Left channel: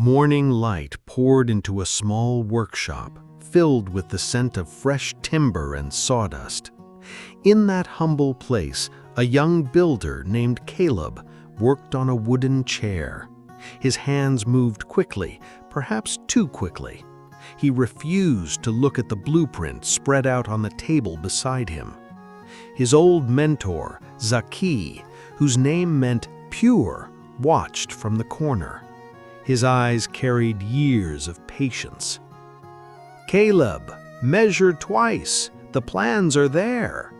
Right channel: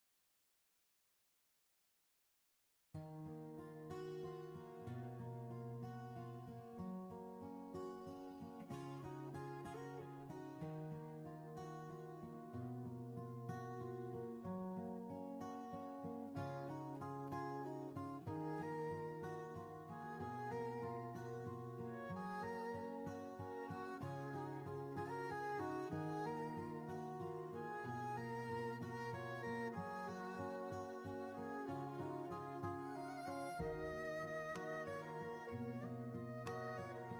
Morning light poured into a small workshop filled with the scent of fresh timber and sawdust. In that humble place, a young builder named Caleb worked on a wooden chair. His hands moved quickly, perhaps too quickly. He refused to look at the blueprint spread out on the table beside him. His old mentor, Zaki, whose name meant pure, watched from the corner. His eyes carried years of patience. "Caleb, measure twice. The plans are there."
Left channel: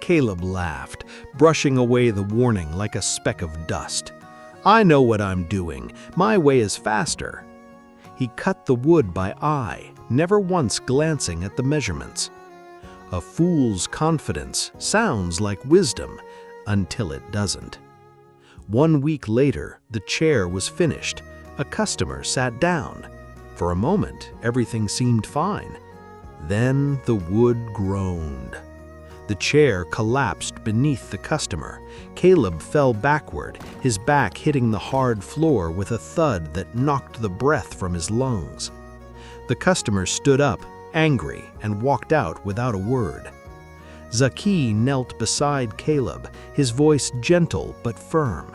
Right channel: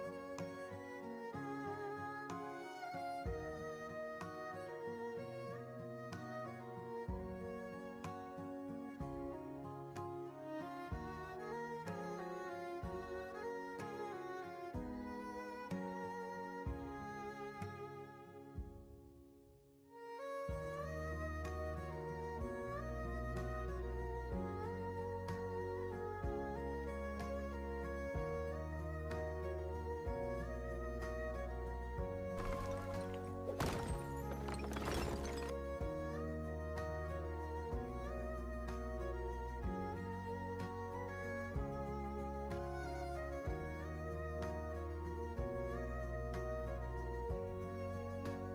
Caleb laughed, brushing away the warning like a speck of dust. "I know what I'm doing. My way is faster." He cut the wood by eye, never once glancing at the measurements. A fool's confidence sounds like wisdom until it doesn't. 1 week later, the chair was finished. A customer sat down. For a moment, everything seemed fine. Then the wood groaned. The chair collapsed beneath the customer. Caleb fell backward, his back hitting the hard floor with a thud that knocked the breath from his lungs. The customer stood up, angry, and walked out without a word. Zaki knelt beside Caleb, his voice gentle but firm.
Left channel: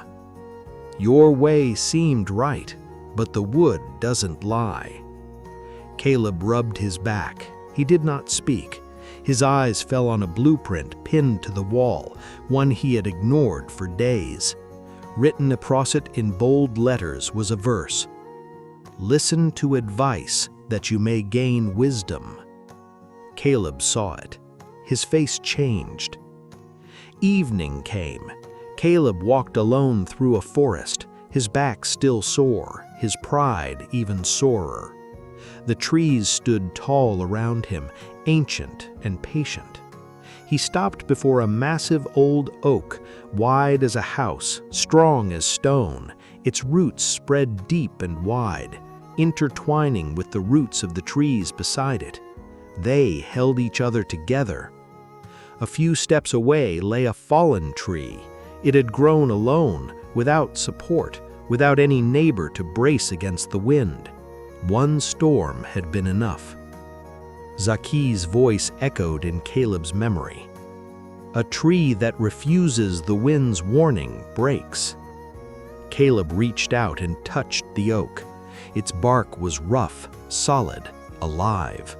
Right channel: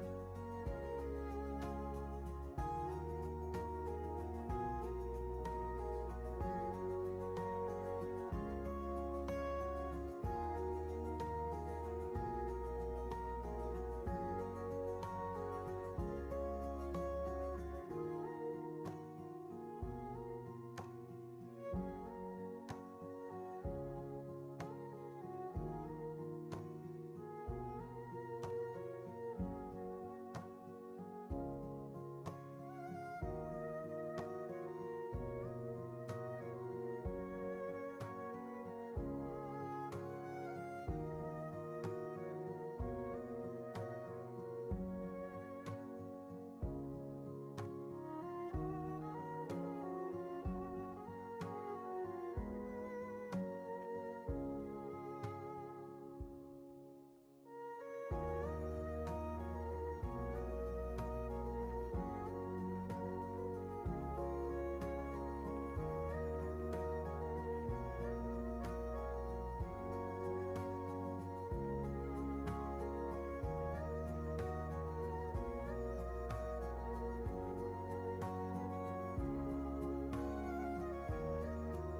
"Your way seemed right, but the wood doesn't lie." Caleb rubbed his back. He did not speak. His eyes fell on a blueprint pinned to the wall, one he had ignored for days. Written across it in bold letters was a verse: "Listen to advice that you may gain wisdom." Caleb saw it. His face changed. Evening came. Caleb walked alone through a forest, his back still sore, his pride even sorer. The trees stood tall around him, ancient and patient. He stopped before a massive old oak, wide as a house, strong as stone, its roots spread deep and wide, intertwining with the roots of the trees beside it. They held each other together. A few steps away lay a fallen tree. It had grown alone, without support, without any neighbor to brace against the wind. One storm had been enough. Zaki's voice echoed in Caleb's memory. "A tree that refuses the wind's warning breaks." Caleb reached out and touched the oak. Its bark was rough, solid, alive.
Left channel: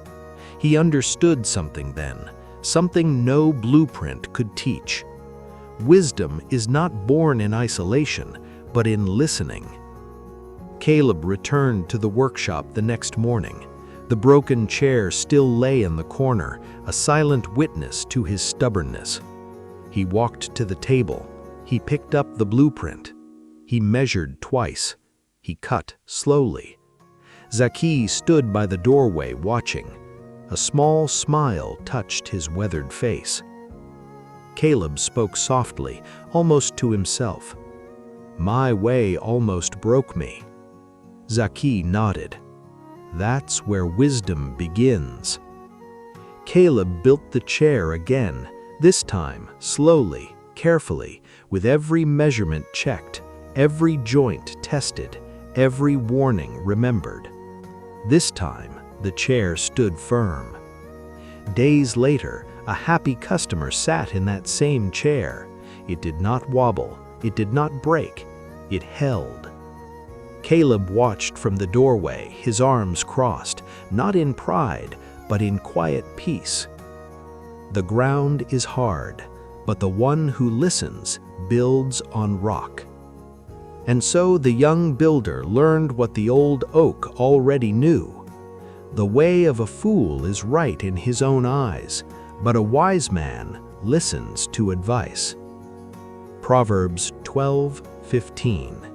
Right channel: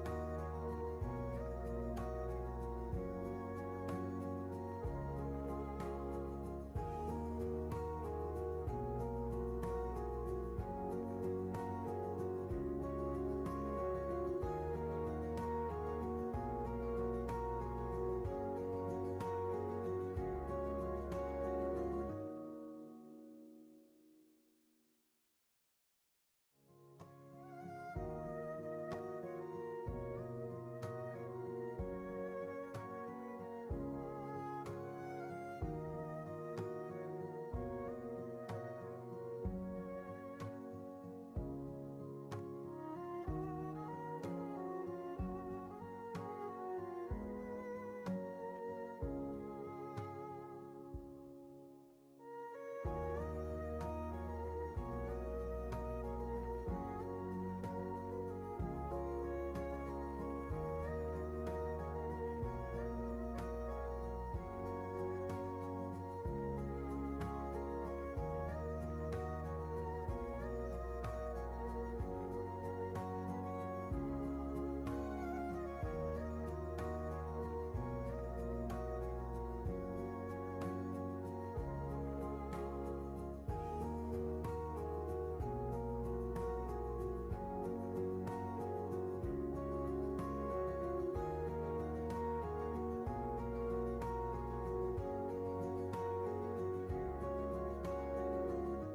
He understood something then, something no blueprint could teach. Wisdom is not born in isolation, but in listening. Caleb returned to the workshop the next morning. The broken chair still lay in the corner, a silent witness to his stubbornness. He walked to the table. He picked up the blueprint. He measured twice. He cut slowly. Zaki stood by the doorway watching. A small smile touched his weathered face. Caleb spoke softly, almost to himself. "My way almost broke me." Zaki nodded. "That's where wisdom begins." Caleb built the chair again, this time slowly, carefully, with every measurement checked, every joint tested, every warning remembered. This time, the chair stood firm. Days later, a happy customer sat in that same chair. It did not wobble, it did not break, it held. Caleb watched from the doorway, his arms crossed, not in pride, but in quiet peace. The ground is hard, but the one who listens builds on rock. And so the young builder learned what the old oak already knew. The way of a fool is right in his own eyes, but a wise man listens to advice. Proverbs 12:15.